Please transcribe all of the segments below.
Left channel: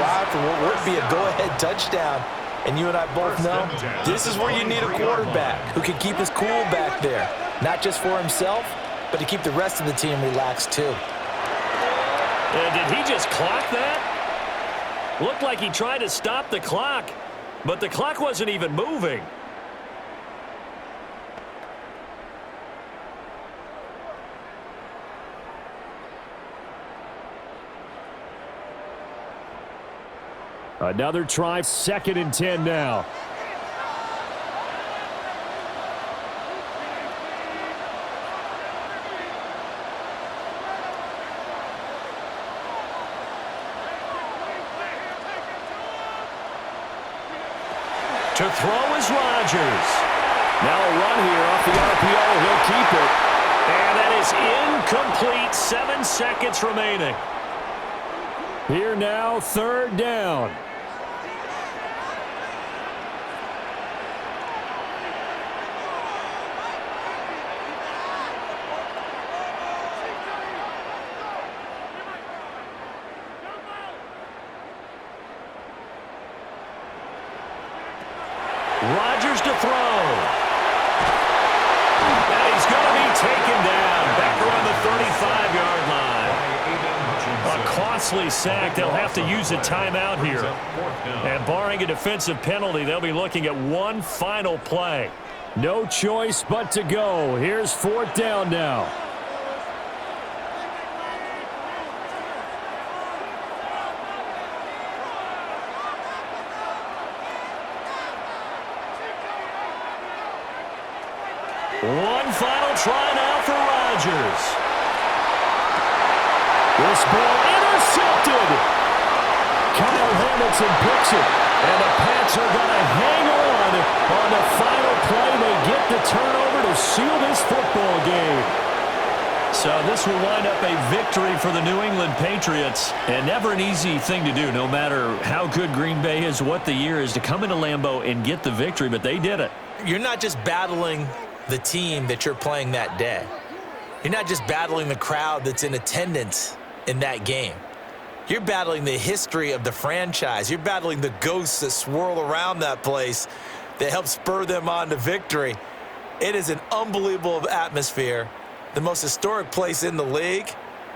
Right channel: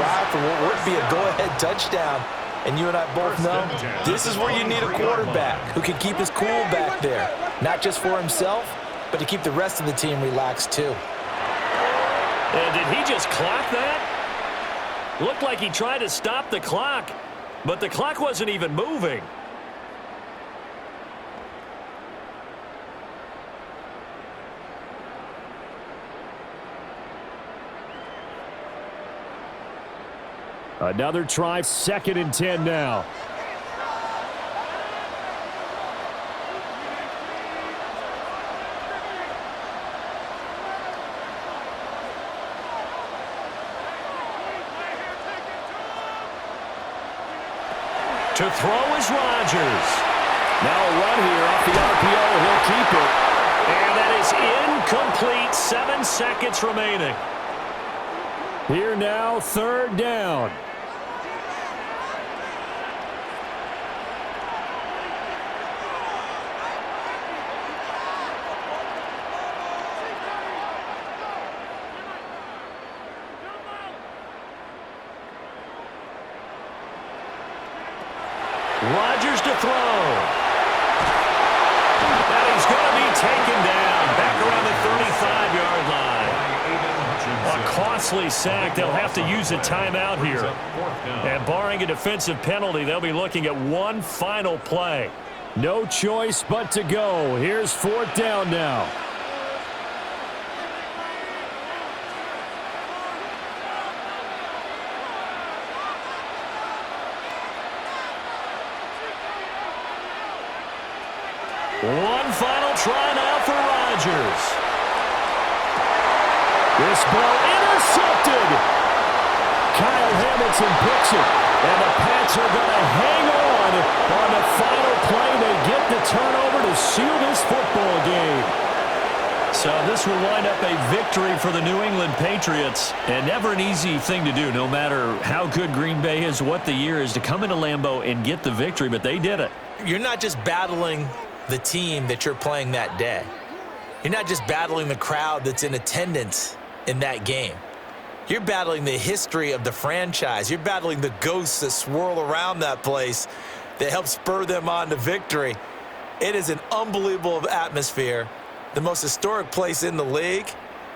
drive for what would be a go-ahead touchdown. And you and I both know this is where you need a quarterback who can keep his cool back there, not just for himself, but to keep the rest of the team relaxed too. And did he just clock that? Looked like he tried to stop the clock, but the clock wasn't even moving. Another try, 2nd and 10 now. To throw is Rodgers. Now a run here off the RPO. He'll keep it. And that is incomplete. 7 seconds remaining. Here now, 3rd down. Rodgers to throw. And he's going to be taken down back around the 35-yard line. A costly sack. They'll have to use a timeout here. And barring a defensive penalty, they'll be looking at one final play. No choice but to go. Here's 4th down now. One final try now for Rodgers. This ball intercepted. Kyle Hamilton picks it. And the Pats are going to hang on the final play. They get the turnover to seal this football game. So this will wind up a victory for the New England Patriots. And never an easy thing to do, no matter how good Green Bay is, what the year is, to come into Lambeau and get the victory. But they did it. You're not just battling the team that you're playing that day. You're not just battling the crowd that's in attendance in that game. You're battling the history of the franchise. You're battling the ghosts that swirl around that place that help spur them on to victory. It is an unbelievable atmosphere, the most historic place in the league,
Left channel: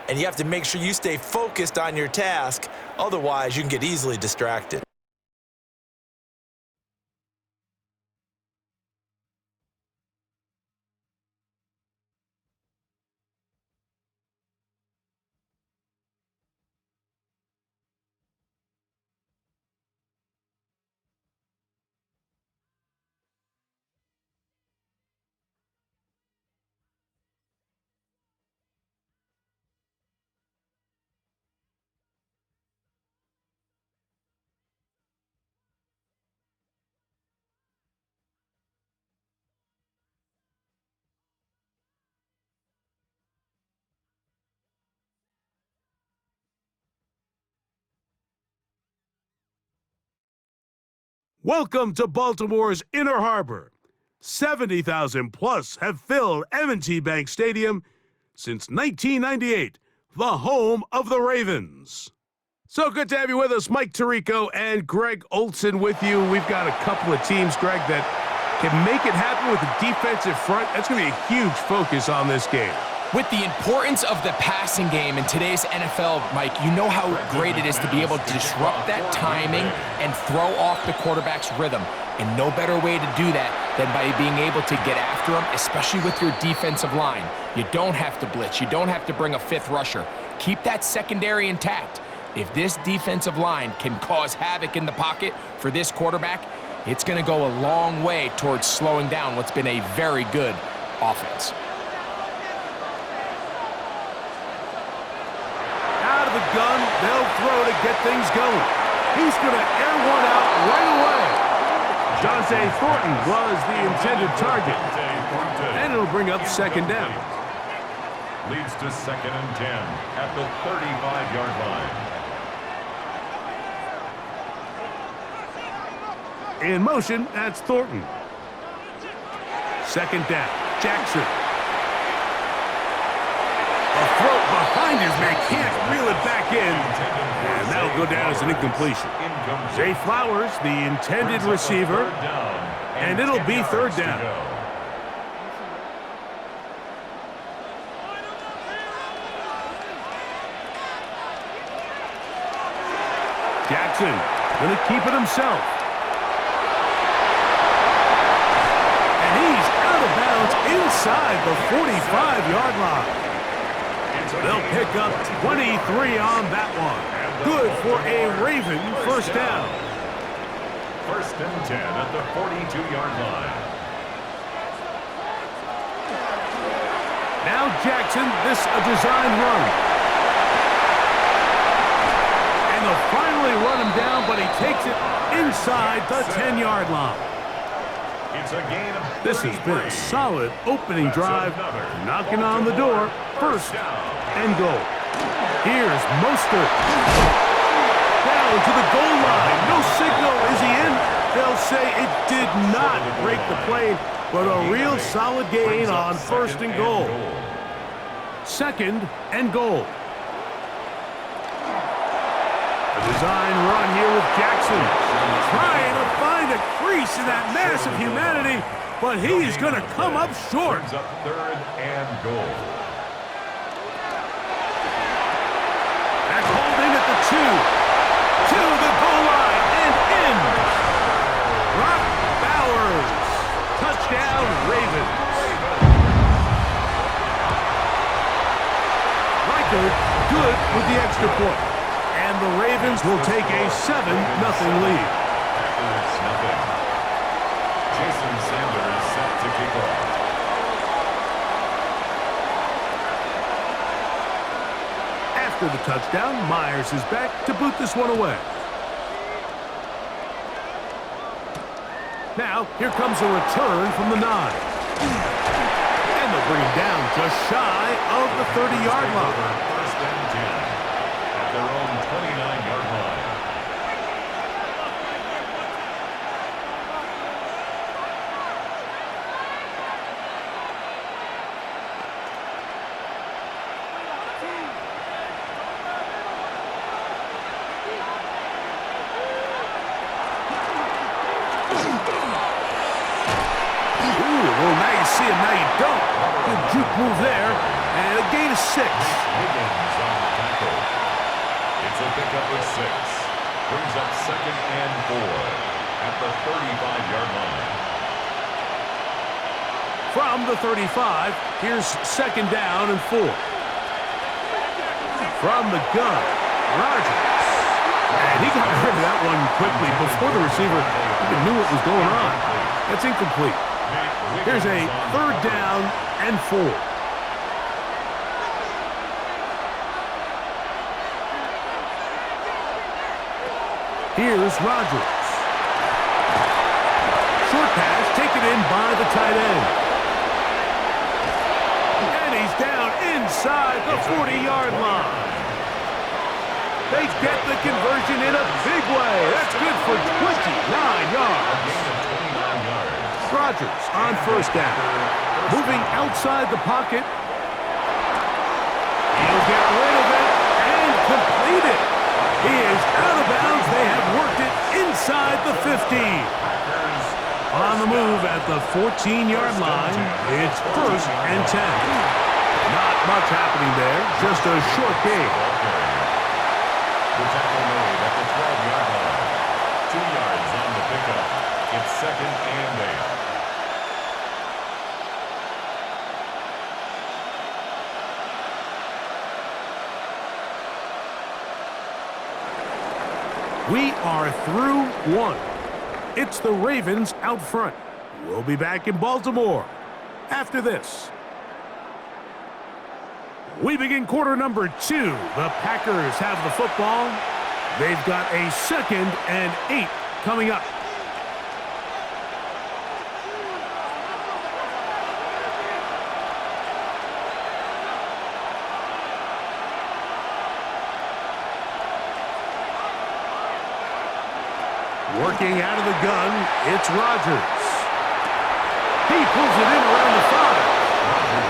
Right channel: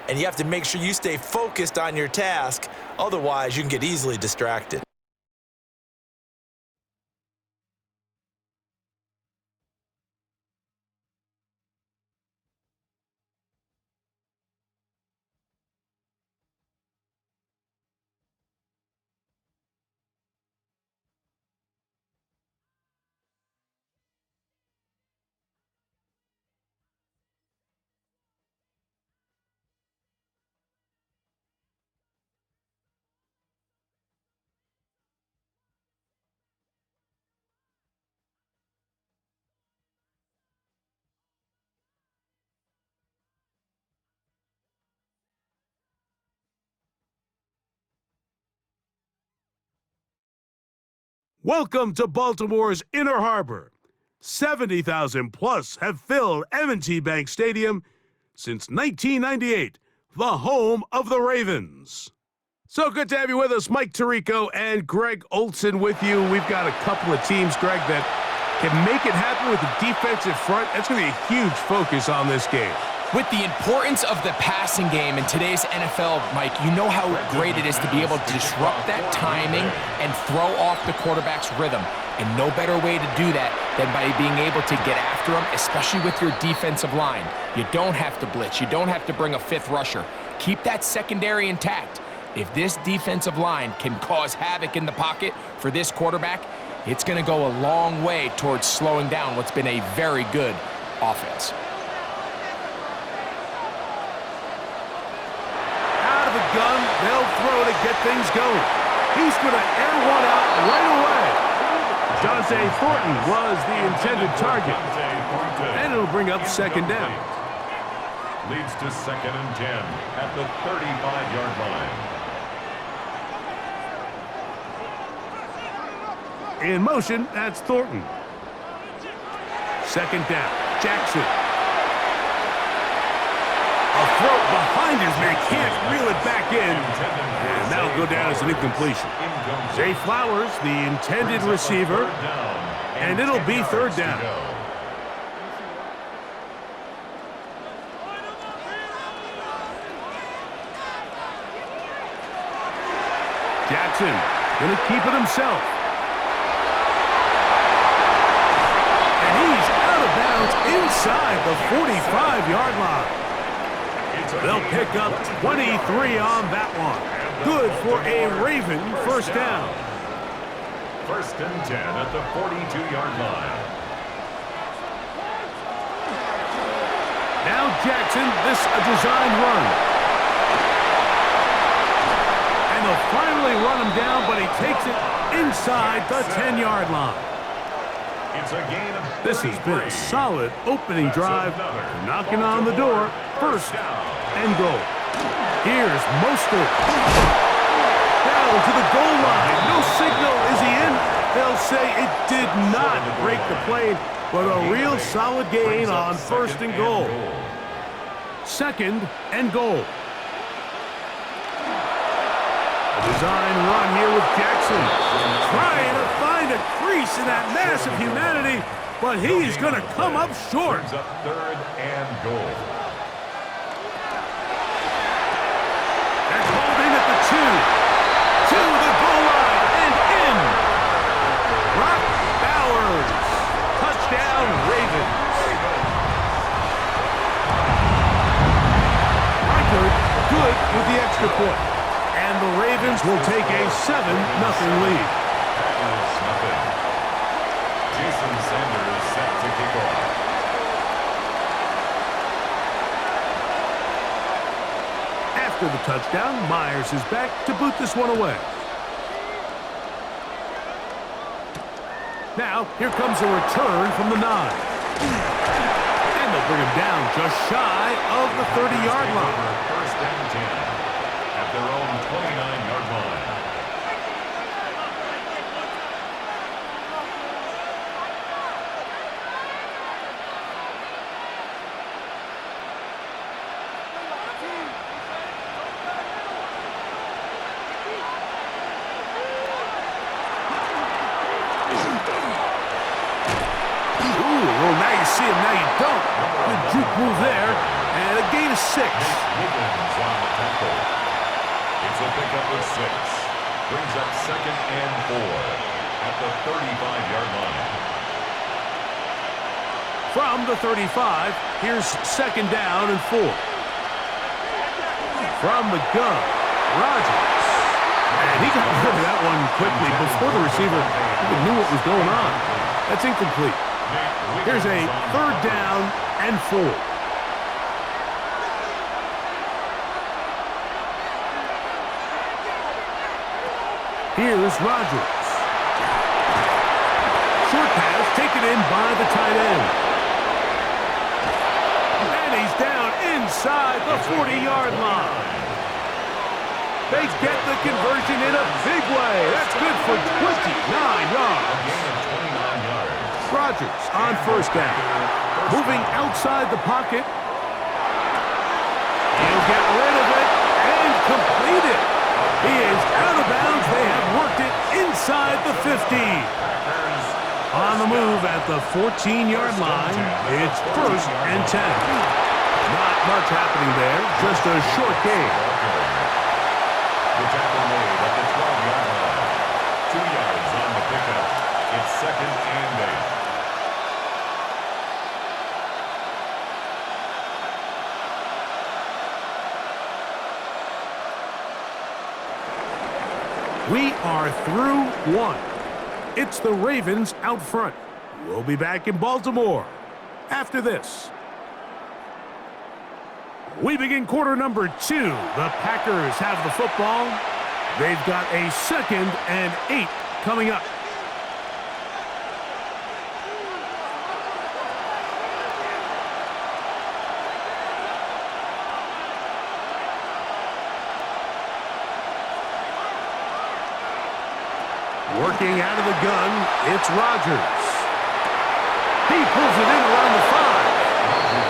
and you have to make sure you stay focused on your task. Otherwise, you can get easily distracted. Welcome to Baltimore's Inner Harbor. 70,000 plus have filled M&T Bank Stadium since 1998, the home of the Ravens. So good to have you with us. Mike Tirico and Greg Olson with you. We've got a couple of teams, Greg, that can make it happen with the defensive front. That's going to be a huge focus on this game. With the importance of the passing game in today's NFL, Mike, you know how great it is to be able to disrupt that timing and throw off the quarterback's rhythm. And no better way to do that than by being able to get after them, especially with your defensive line. You don't have to blitz. You don't have to bring a fifth rusher. Keep that secondary intact. If this defensive line can cause havoc in the pocket for this quarterback, it's going to go a long way towards slowing down what's been a very good offense. Out of the gun, they'll throw to get things going. He's going to air one out right away. Dante Thornton was the intended target. And it'll bring up 2nd down. Leads to 2nd and 10 at the 35-yard line. In motion, that's Thornton. 2nd down, Jackson. A throat behind his man. Can't reel it back in. And that'll go down as an incompletion. Zay Flowers, the intended receiver. And it'll be third down. Jackson going to keep it himself. And he's out of bounds inside the 45-yard line. They'll pick up 23 on that one. Good for a Raven first down. First and 10 at the 42-yard line. Now Jackson, this a designed run. And they'll finally run him down, but he takes it inside the 10-yard line. It's a gain of 33. This has been a solid opening drive, knocking on the door. First and goal. Here's Mostert. Down to the goal line. No signal. Is he in? They'll say it did not break the plane, but a real solid gain on first and goal. Second and goal. A design run here with Jackson. Trying to find a crease in that mass of humanity, but he's going to come up short. Brings up third and goal. They're called in at the 2. To the goal line and in. Brock Bowers. Touchdown, Ravens. Reichert good with the extra point. And the Ravens will take a 7-0 lead. Packers nothing. Jason Sanders set to kick off. After the touchdown, Myers is back to boot this one away. Now, here comes a return from the 9. And they'll bring him down just shy of the 30-yard line. First and 10 at their own 29-yard line. Well, now you see him, now you don't. Good juke move there, and a gain of 6. Wiggins on the tackle. It's a pickup of 6. Brings up second and 4 at the 35-yard line. From the 35, here's second down and 4. From the gun, Rodgers. And he got rid of that one quickly before the receiver even knew what was going on. That's incomplete. Here's a third down and 4. Here's Rodgers. Short pass taken in by the tight end. And he's down inside the 40-yard line. They get the conversion in a big way. That's good for 29 yards. Rodgers on first down. Moving outside the pocket. He'll get rid of it and complete it. He is out of bounds. They have worked it inside the 50. On the move at the 14-yard line, it's first and 10. Not much happening there, just a short gain. The tackle made at the 12-yard line. 2 yards on the pickup. It's second and 8. We are through one. It's the Ravens out front. We'll be back in Baltimore after this. We begin quarter number 2. The Packers have the football. They've got a second and 8 coming up. Working out of the gun, it's Rodgers. He pulls it in around the 5.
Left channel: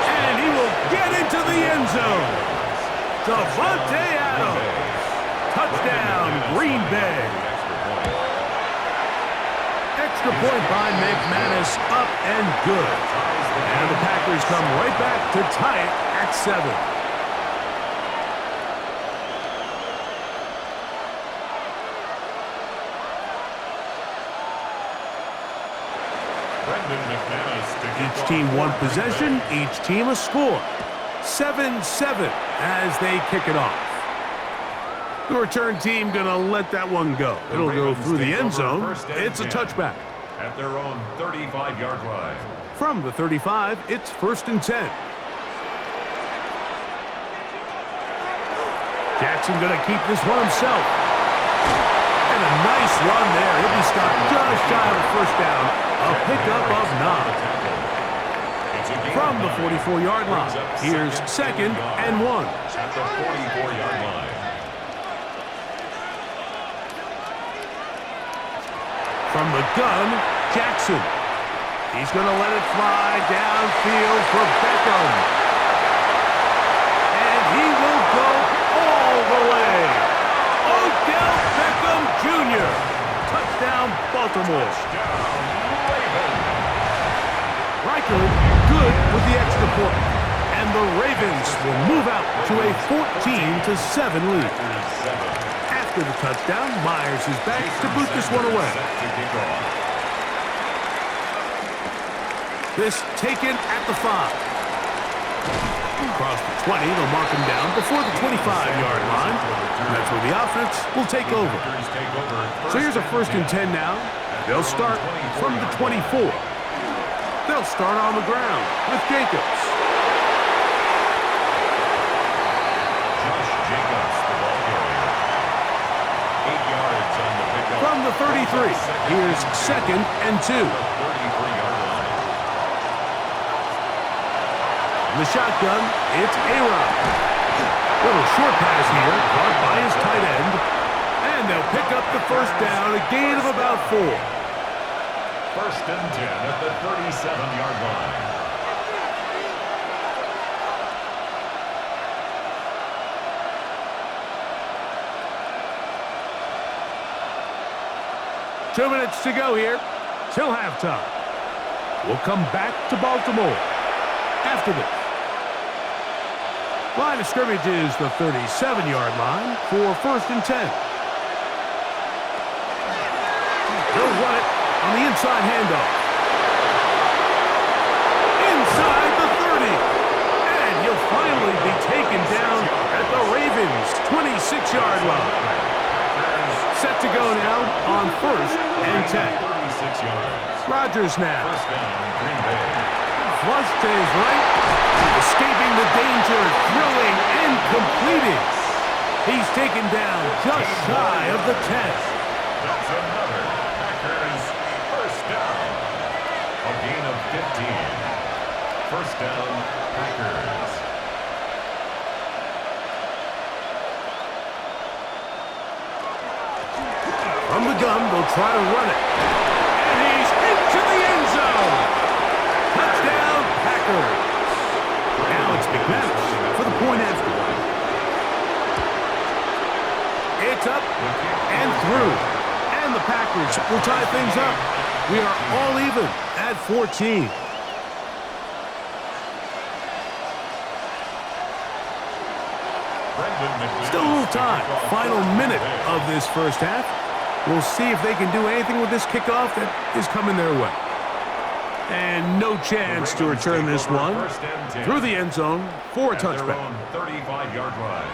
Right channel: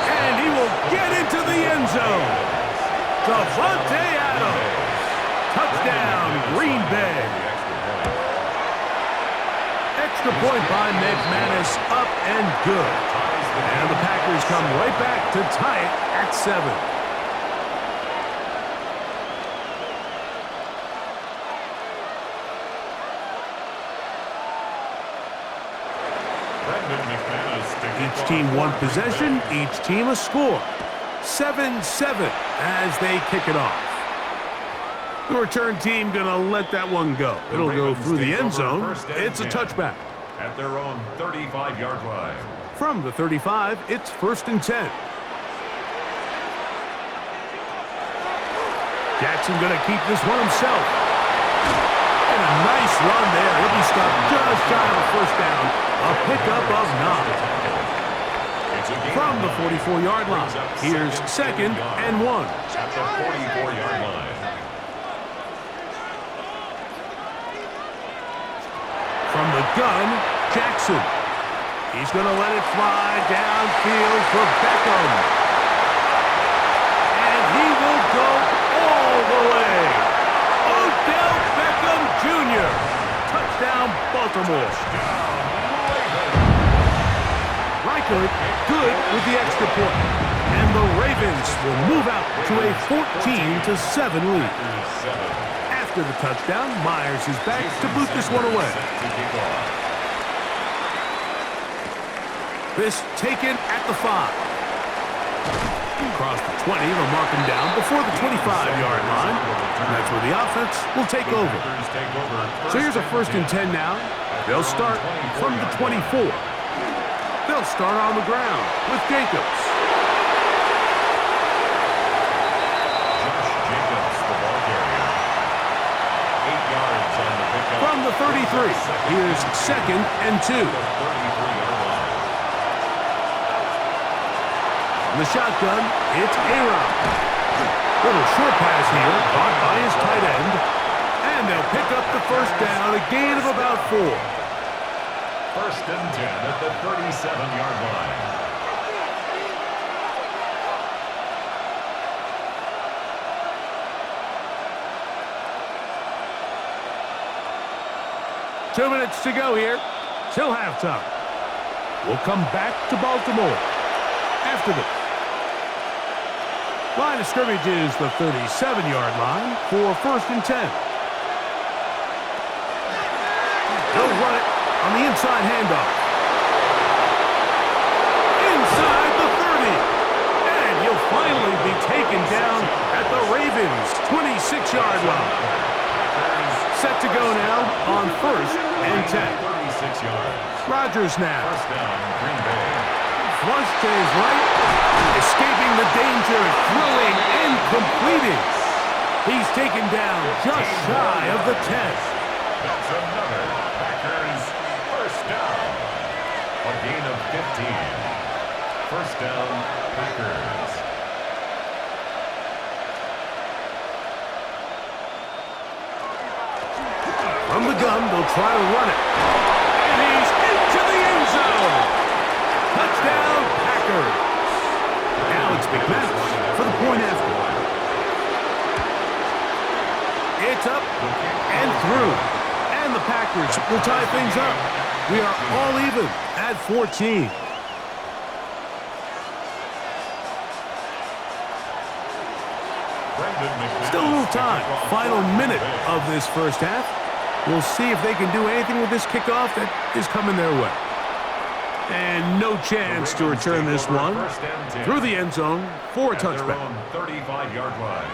And he will get into the end zone. Devontae Adams. Touchdown, Green Bay. Extra point by McManus, up and good. And the Packers come right back to tie it at 7. Each team one possession, each team a score. 7-7 as they kick it off. The return team gonna let that one go. It'll go through the end zone. It's a touchback. At their own 35-yard line. From the 35, it's 1st and 10. Jackson gonna keep this one himself. And a nice run there. He'll be stopped just shy of a first down. A pickup of 9. From the 44-yard line, here's 2nd and 1. At the 44-yard line. From the gun, Jackson. He's going to let it fly downfield for Beckham. And he will go all the way. Odell Beckham Jr. Touchdown, Baltimore. Reichert good with the extra point. And the Ravens will move out to a 14-7 lead. After the touchdown, Myers is back to boot this one away. This taken at the 5. Across the 20, they'll mark him down before the 25-yard line. And that's where the offense will take over. So here's a 1st and 10 now. They'll start from the 24. They'll start on the ground with Jacobs. Josh Jacobs, the ball carrier. 8 yards on the pickup. From the 33, here's 2nd and 2. The 33-yard line. From the shotgun, it's A-Rob. Little short pass here, caught by his tight end. And they'll pick up the first down, a gain of about 4. 1st and 10 at the 37-yard line. Two minutes to go here, till halftime. We'll come back to Baltimore after this. Line of scrimmage is the 37-yard line for 1st and 10. They'll run it on the inside handoff. Inside the 30. And he'll finally be taken down at the Ravens' 26-yard line. Set to go now on 1st and 10. 36 yards. Rodgers now. 1st down, Green Bay. Flush to his right. Escaping the danger, throwing and completing. He's taken down just shy of the 10. That's another Packers 1st down. A gain of 15. 1st down, Packers. From the gun, they'll try to run it. And he's into the end zone. Touchdown, Packers. Now it's McManus for the point after. It's up and through. And the Packers will tie things up. We are all even at 14. Still a little time. Final minute of this first half. We'll see if they can do anything with this kickoff that is coming their way. And no chance to return this one through the end zone for a touchback. 35-yard line.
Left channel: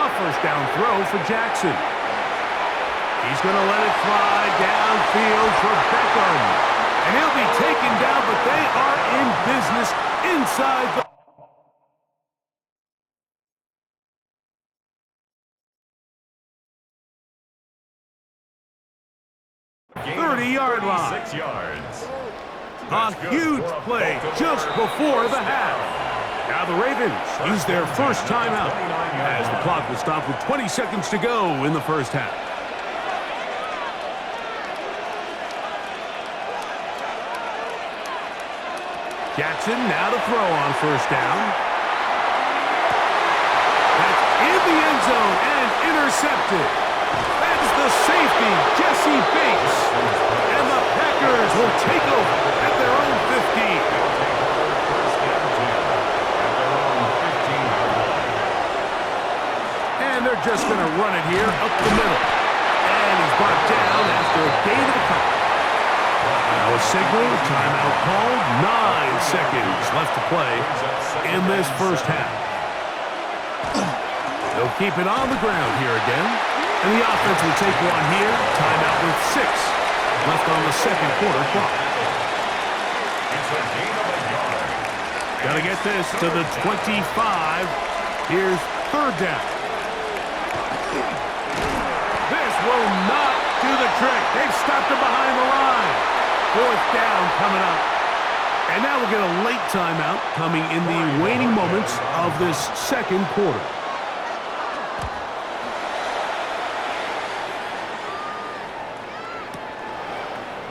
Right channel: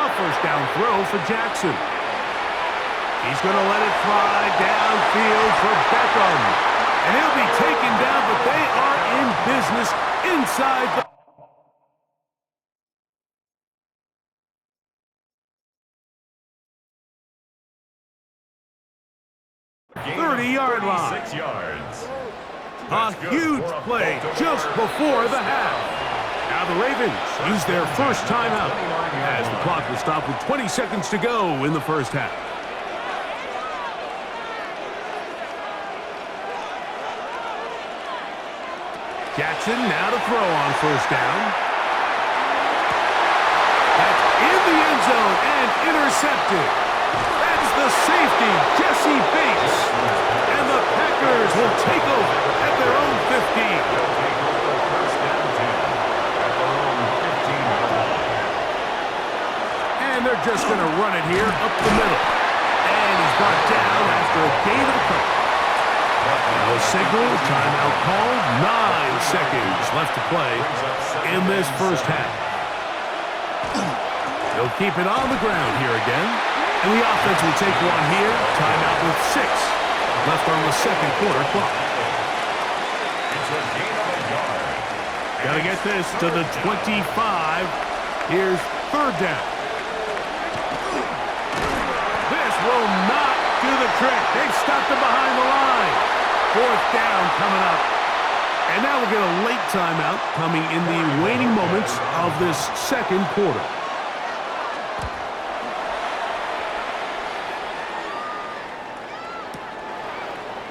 A 1st down throw for Jackson. He's going to let it fly downfield for Beckham. And he'll be taken down, but they are in business inside the 30-yard line. 36 yards. A huge play just before the half. Now the Ravens use their first timeout as the clock will stop with 20 seconds to go in the first half. Jackson now to throw on first down. That's in the end zone and intercepted. That's the safety, Jesse Bates. And the Packers will take over at their own 15. They'll take over first and 10 at their own 15-yard line. And they're just going to run it here up the middle. And he's brought down after a gain of a couple. Now a signal, timeout called. 9 seconds left to play in this first half. They'll keep it on the ground here again. And the offense will take one here. Timeout with 6 left on the second quarter clock. It's a gain of a yard. Got to get this to the 25. Here's third down. This will not do the trick. They've stopped him behind the line. Fourth down coming up. And now we'll get a late timeout coming in the waning moments of this second quarter.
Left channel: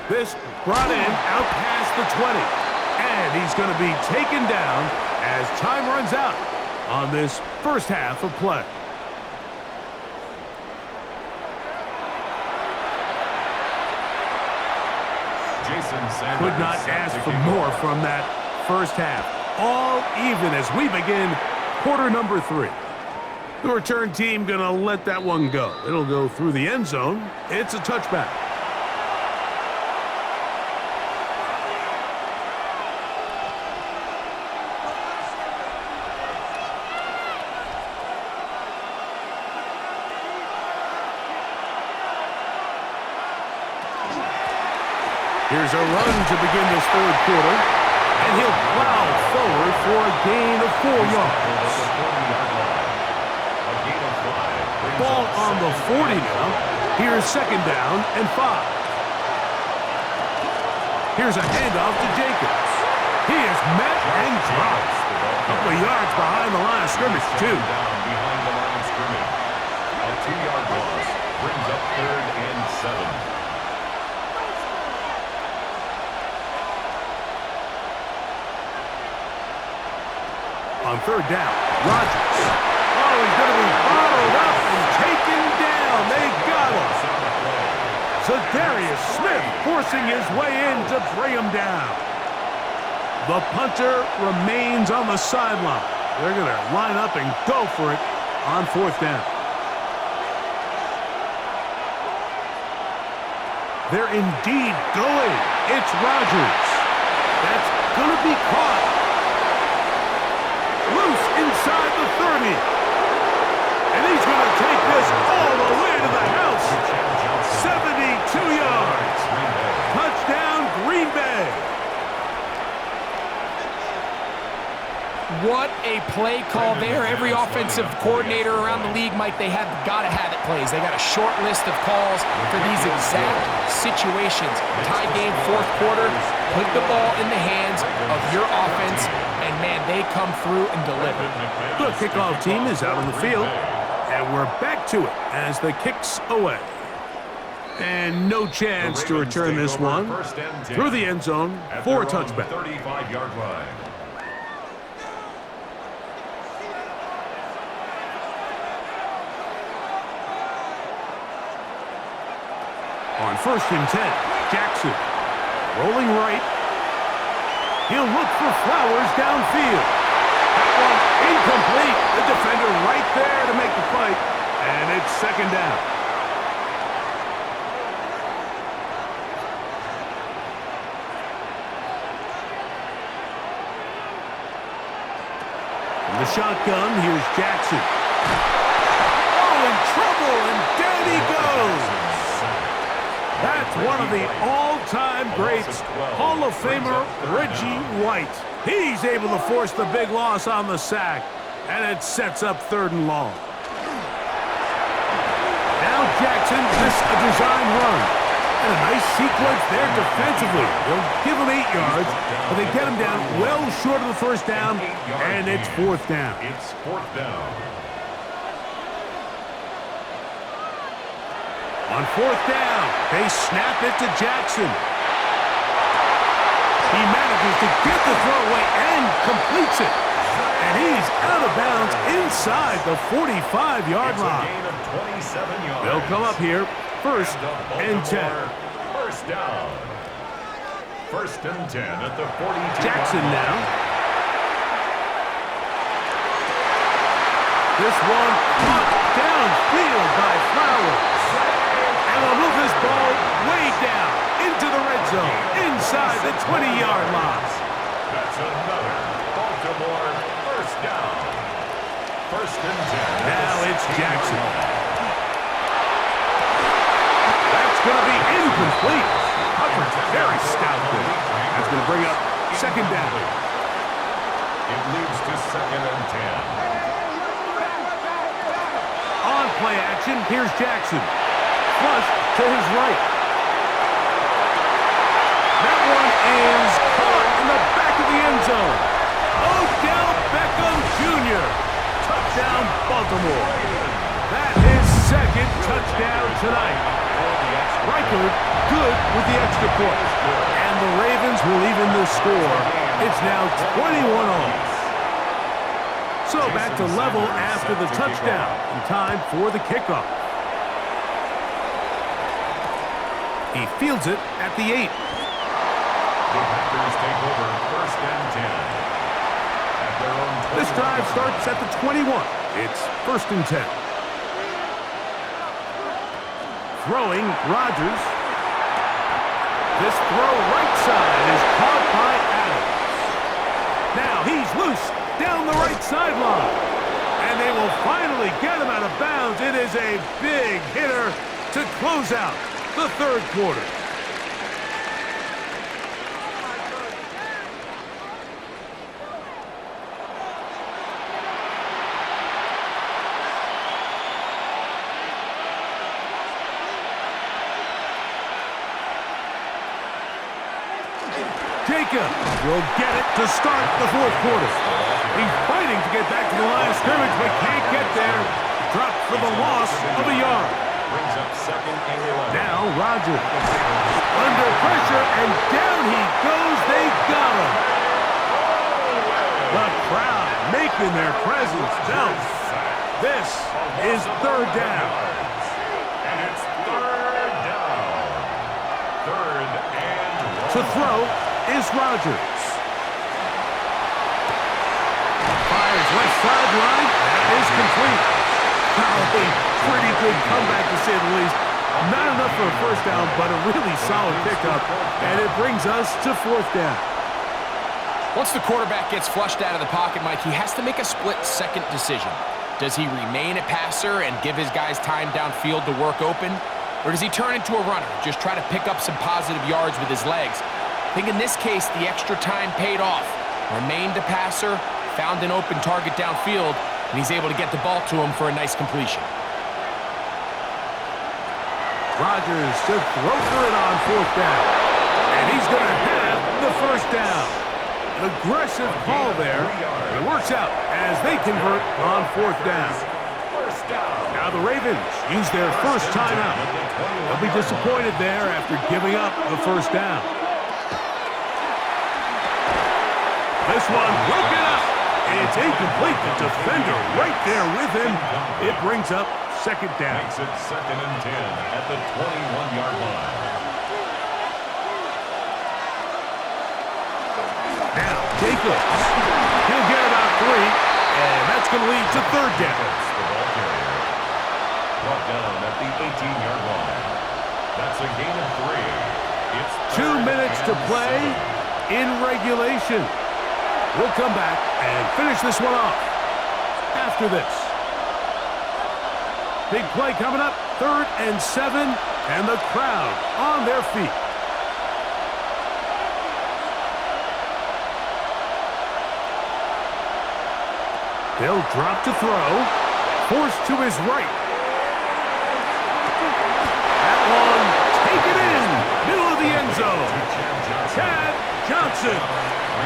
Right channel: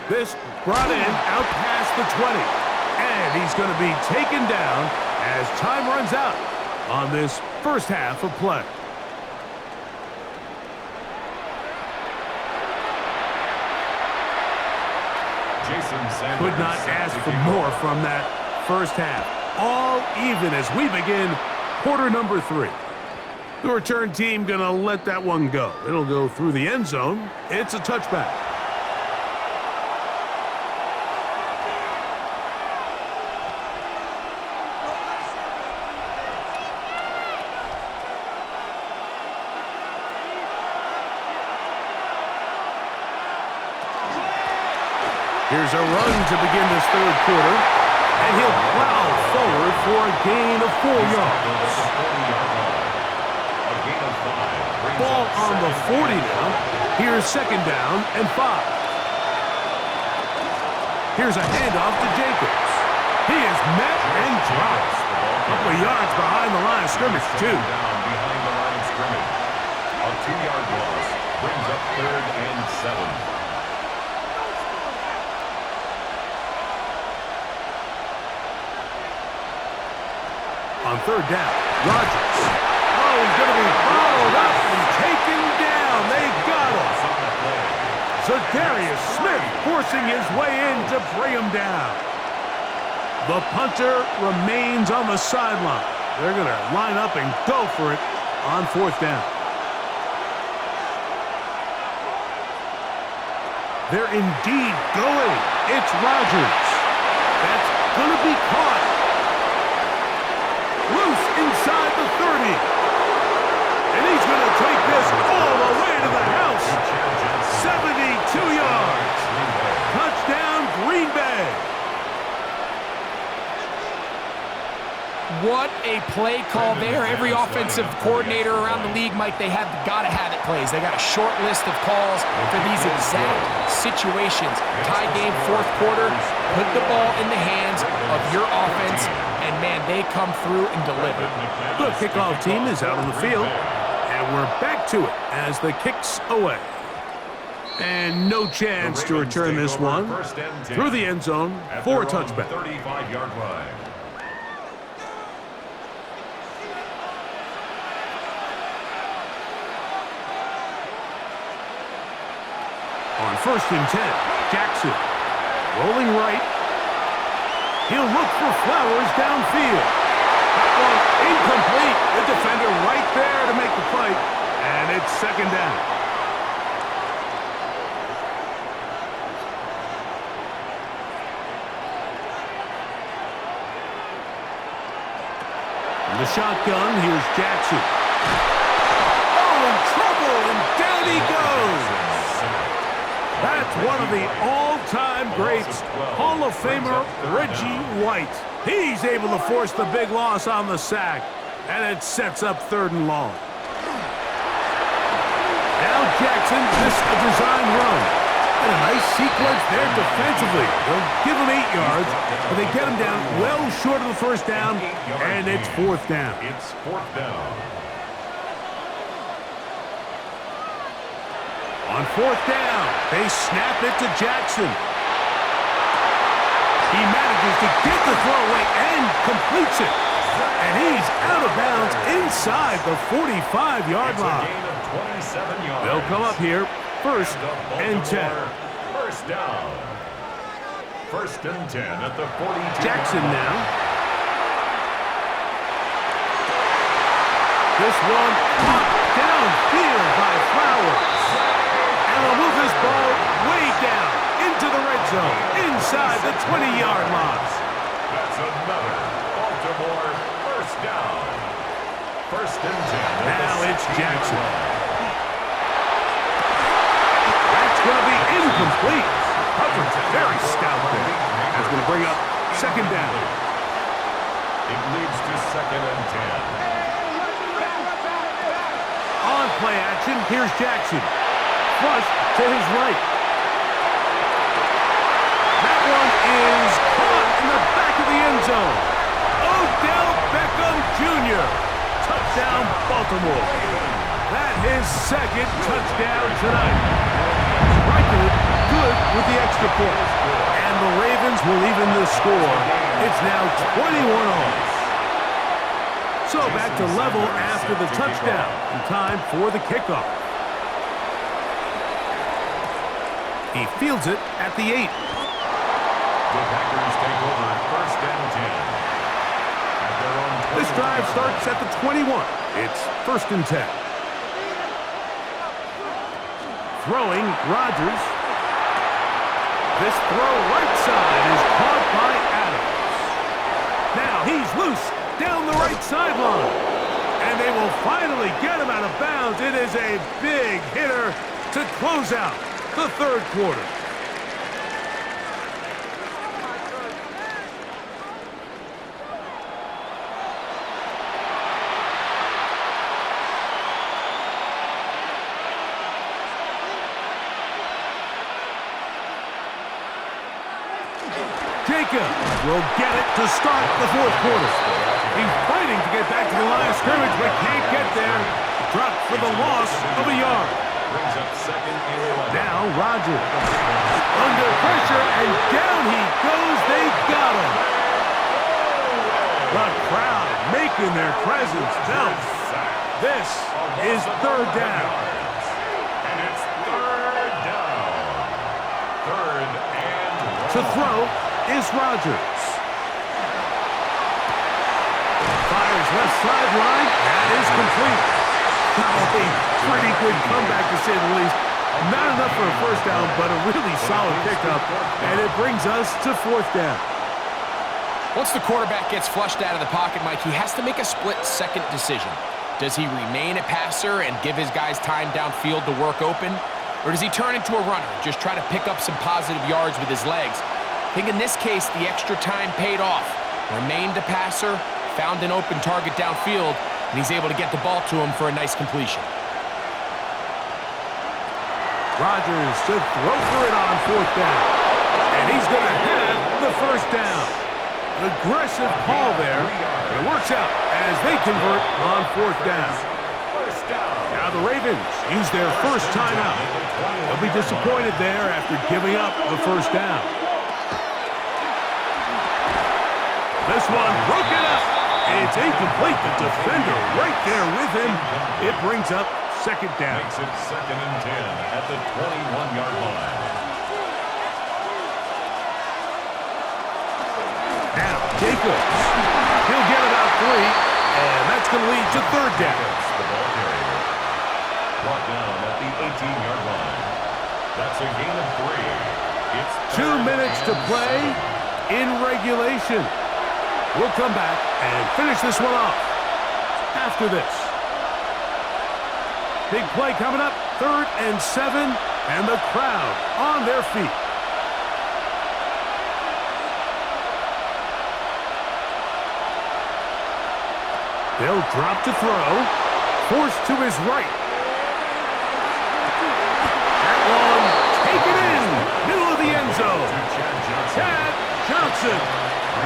This brought in out past the 20. And he's going to be taken down as time runs out on this first half of play. Could not ask for more from that first half. All even as we begin quarter number 3. The return team going to let that one go. It'll go through the end zone. It's a touchback. Here's a run to begin this third quarter, and he'll plow forward for a gain of 4 yards. Ball on the 40 now. Here's second down and 5. Here's a handoff to Jacobs. He is met and dropped. A couple of yards behind the line of scrimmage, too. Behind the line of scrimmage. A 2-yard loss brings up third and 7. On third down, Rodgers. Oh, he's going to be bottled up and taken down. They got him. Zadarius Smith forcing his way in to bring him down. The punter remains on the sideline. They're going to line up and go for it on fourth down. They're indeed going. It's Rodgers. That's going to be caught. Loose inside the 30. And he's going to take this all the way to the house. 72 yards. Touchdown, Green Bay. What a play call there. Every offensive coordinator around the league, Mike, they have got to have it plays. They got a short list of calls for these exact situations. Tie game, fourth quarter, put the ball in the hands of your offense, and, man, they come through and deliver. The kickoff team is out on the field, and we're back to it as the kick's away. And no chance to return this one through the end zone for a touchback. 35-yard line. On first and 10, Jackson rolling right. He'll look for Flowers downfield. That one incomplete. The defender right there to make the play. And it's second down. From the shotgun, here's Jackson. Oh, in trouble, and down he goes. That's one of the all-time greats, Hall of Famer Reggie White. He's able to force the big loss on the sack, and it sets up third and long. Now Jackson missed a design run, and a nice sequence there defensively. They'll give him 8 yards, but they get him down well short of the first down, and it's fourth down. It's fourth down. On fourth down, they snap it to Jackson. He manages to get the throw away and completes it. And he's out of bounds inside the 45-yard line. Gain of 27 yards. They'll come up here, first and 10. First down. First and 10 at the 42. Jackson now. This one caught downfield by Flowers. And they'll move this ball way down into the red zone, inside the 20-yard line. That's another Baltimore first down. First and 10. Now it's Jackson. That's going to be incomplete. Coverage very stout there. That's going to bring up second down. It leads to second and 10. On play action, here's Jackson. Flush to his right. That one is caught in the back of the end zone. Odell Beckham Jr. Touchdown, Baltimore. That his second touchdown tonight. Riker good with the extra point. And the Ravens will even the score. It's now 21-all. So back to level after the touchdown. And time for the kickoff. He fields it at the 8. The Packers take over first and 10. At their own 21. This drive starts at the 21. It's first and 10. Throwing, Rodgers. This throw right side is caught by Adams. Now he's loose down the right sideline. And they will finally get him out of bounds. It is a big hitter to close out the third quarter. Jacob will get it to start the fourth quarter. He's fighting to get back to the line of scrimmage, but can't get there. Dropped for the loss of a yard. Brings up second and 11. Now Rodgers. Under pressure, and down he goes. They got him. The crowd making their presence felt. This is third down. And it's third down. Third and 1. To throw is Rodgers. Fires left sideline. That is complete. Oh, a pretty good comeback to say the least. Not enough for a first down, but a really solid pickup. And it brings us to fourth down. Once the quarterback gets flushed out of the pocket, Mike, he has to make a split-second decision. Does he remain a passer and give his guys time downfield to work open? Or does he turn into a runner, just try to pick up some positive yards with his legs? I think in this case, the extra time paid off. Remained a passer, found an open target downfield, and he's able to get the ball to him for a nice completion. Rodgers to throw for it on fourth down. And he's going to have the first down. An aggressive call there. But it works out as they convert on fourth down. Now the Ravens use their first timeout. They'll be disappointed there after giving up the first down. This one broken up. It's incomplete. The defender right there with him. It brings up second down. Makes it second and 10 at the 21-yard line. Now Jacobs. He'll get about 3, and that's going to lead to third down. The ball carrier brought down at the 18-yard line. That's a gain of 3. It's 2 minutes to play in regulation. We'll come back and finish this one off after this. Big play coming up, 3rd and 7, and the crowd on their feet. They'll drop to throw, forced to his right. That one, take it in, middle of the end zone. Chad Johnson.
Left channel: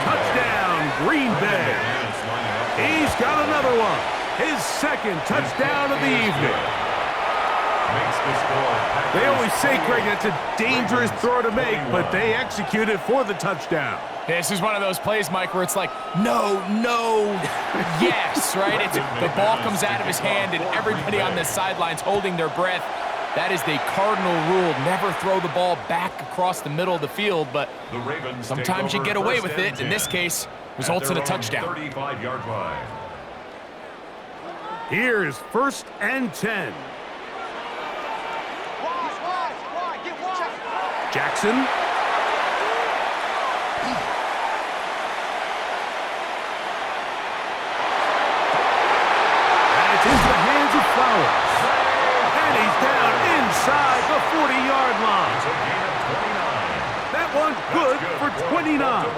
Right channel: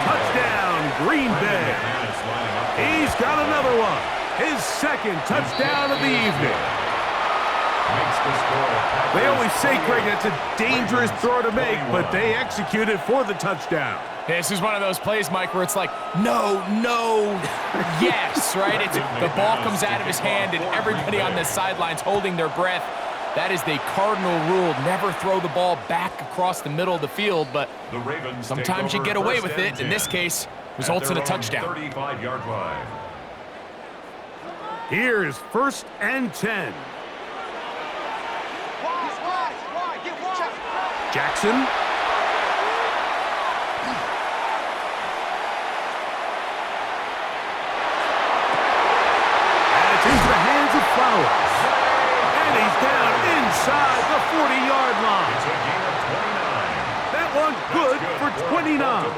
Touchdown, Green Bay. He's got another one. His second touchdown of the evening. They always say, Craig, it's a dangerous throw to make, but they execute it for the touchdown. This is one of those plays, Mike, where it's like, no, no, yes, right? The ball comes out of his hand, and everybody on the sidelines holding their breath. That is the cardinal rule. Never throw the ball back across the middle of the field, but sometimes you get away with it. In this case, results in a touchdown. 35-yard line. Here's 1st and 10. Jackson. Into the hands of Flowers. And he's down inside the 40-yard line. It's a gain of 29. That one good for 29.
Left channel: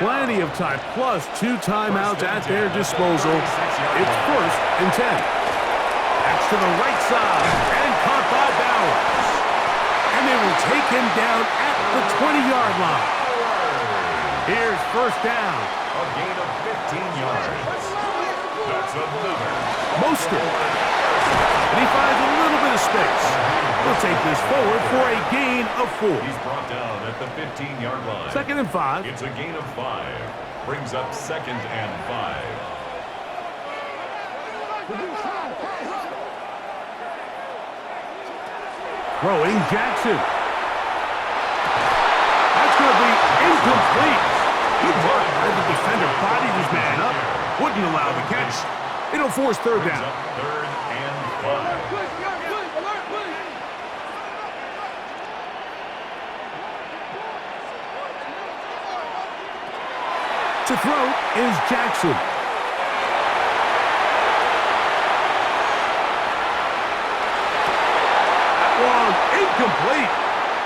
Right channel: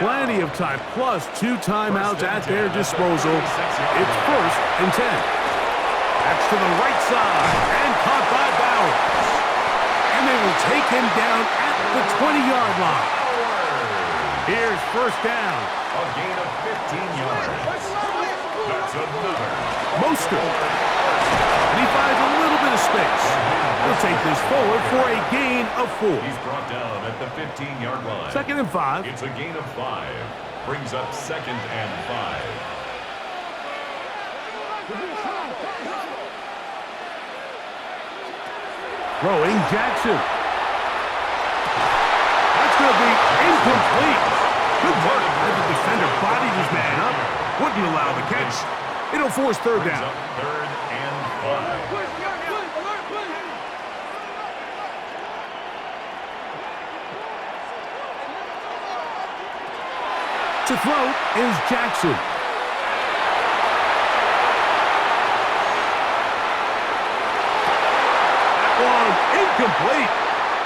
Plenty of time, plus 2 timeouts at their disposal. It's 1st and 10. That's to the right side and caught by Bowers. And they will take him down at the 20-yard line. Here's 1st down. A gain of 15 yards. That's another. Mostert. And he finds a little bit of space. He'll take this forward for a gain of 4. He's brought down at the 15-yard line. 2nd and 5. It's a gain of 5. Brings up 2nd and 5. Throwing Jackson. That's going to be incomplete. Good work as the defender bodied his man up. Wouldn't allow the catch. It'll force 3rd down. 3rd and 5. To throw is Jackson. That one incomplete.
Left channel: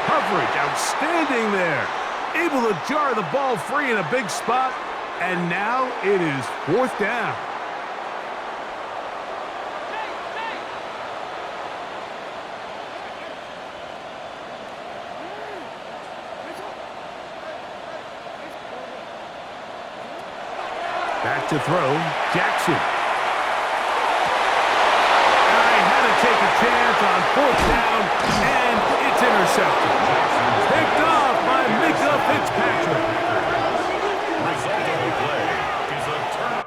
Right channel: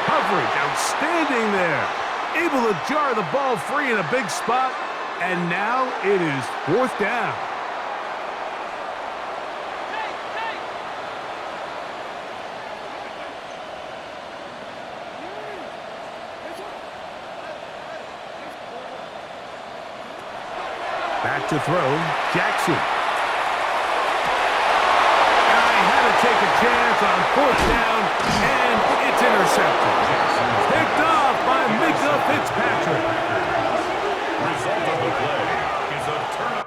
Coverage outstanding there. Able to jar the ball free in a big spot. And now it is 4th down. Back to throw, Jackson. And I had to take a chance on 4th down, and it's intercepted. Picked off by Micah Fitzpatrick. Result of the play is a turnover.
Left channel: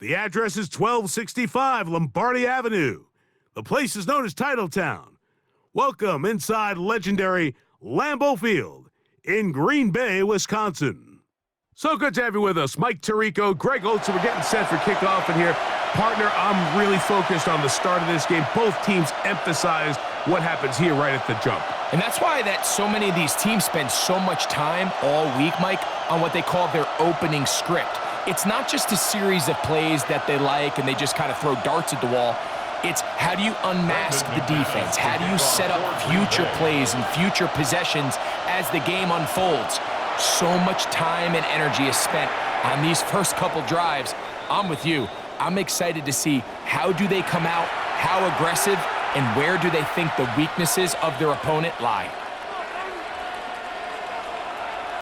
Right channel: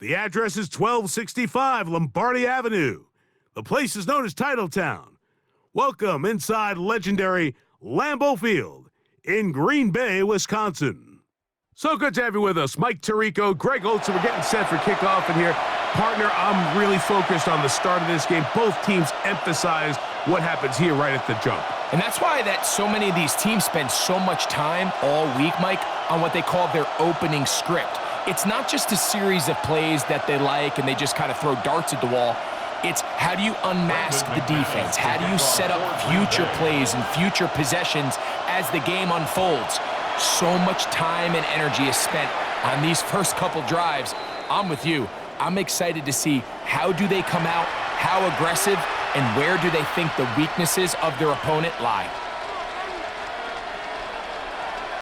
The address is 1265 Lombardi Avenue. The place is known as Titletown. Welcome inside legendary Lambeau Field in Green Bay, Wisconsin. So good to have you with us. Mike Tirico, Greg Oates, we're getting set for kickoff in here. Partner, I'm really focused on the start of this game. Both teams emphasize what happens here right at the jump. And that's why that so many of these teams spend so much time all week, Mike, on what they call their opening script. It's not just a series of plays that they like and they just kind of throw darts at the wall. It's how do you unmask the defense? How do you set up future plays and future possessions as the game unfolds? So much time and energy is spent on these first couple drives. I'm with you. I'm excited to see how do they come out, how aggressive, and where do they think the weaknesses of their opponent lie?